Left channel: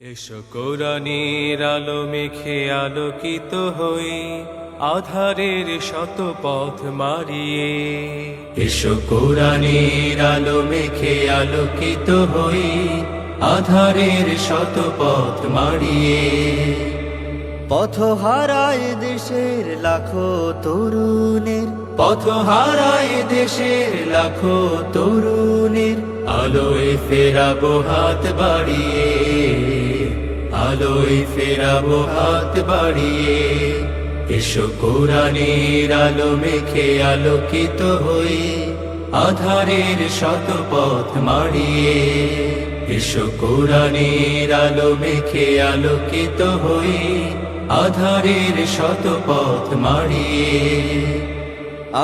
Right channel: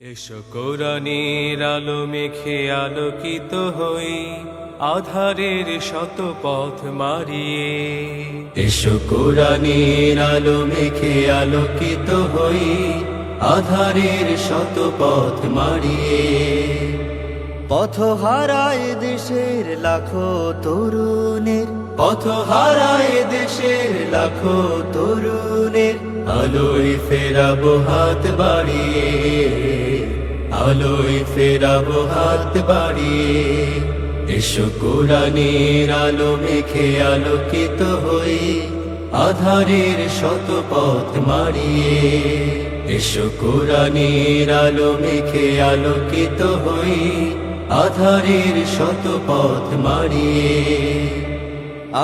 এসো কোরআনের আলো মেখে আলোকিত হই, আধারের শত পথ মারিয়ে। এসো কোরআনের আলো মেখে আলোকিত হই, আধারের শত পথ মারিয়ে। পথ হারায় দেশের লাখো তরুণের, পথ হারায় দেশের লাখো তরুণের, আলোয় ফেরাবো হাত বাড়িয়ে, আলোয় ফেরাবো হাত বাড়িয়ে। এসো কোরআনের আলো মেখে আলোকিত হই, আধারের শত পথ মারিয়ে। এসো কোরআনের আলো মেখে আলোকিত হই, আধারের শত পথ মারিয়ে।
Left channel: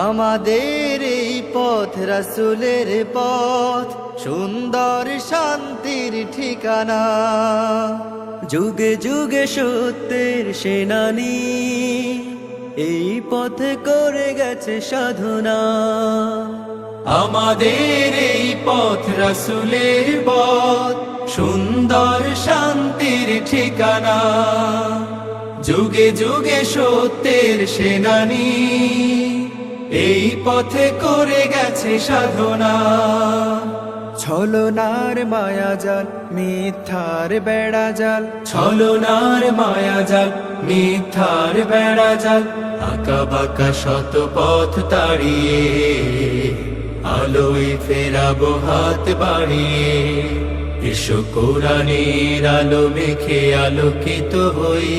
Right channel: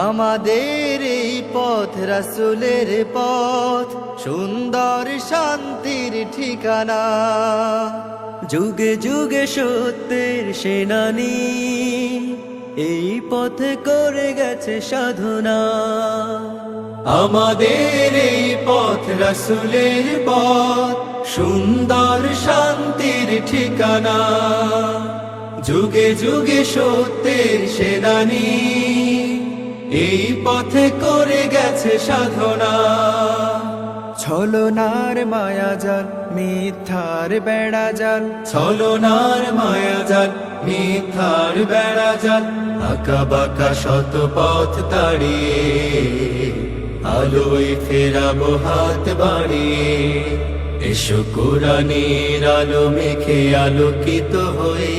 আমাদের এই পথ রাসূলের পথ, সুন্দর শান্তির ঠিকানা। যুগে যুগে সত্যের সেনানী, এই পথে করে গেছে সাধনা। আমাদের এই পথ রাসূলের পথ, সুন্দর শান্তির ঠিকানা। যুগে যুগে সত্যের সেনানী, এই পথে করে গেছে সাধনা। ছলনার মায়াজাল মিথ্যার বেড়াজাল, ছলনার মায়াজাল মিথ্যার বেড়াজাল, আঁকা বাঁকা শত পথ তাড়িয়ে, আলোয় ফেরাবো হাত বাড়িয়ে। এসো কোরআনের আলো মেখে আলোকিত হই,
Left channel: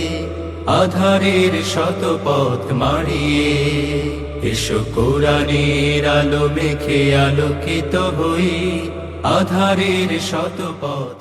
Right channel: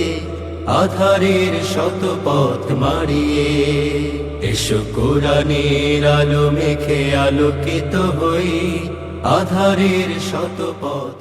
আধারের শত পথ মারিয়ে। এসো কোরআনের আলো মেখে আলোকিত হই, আধারের শত পথ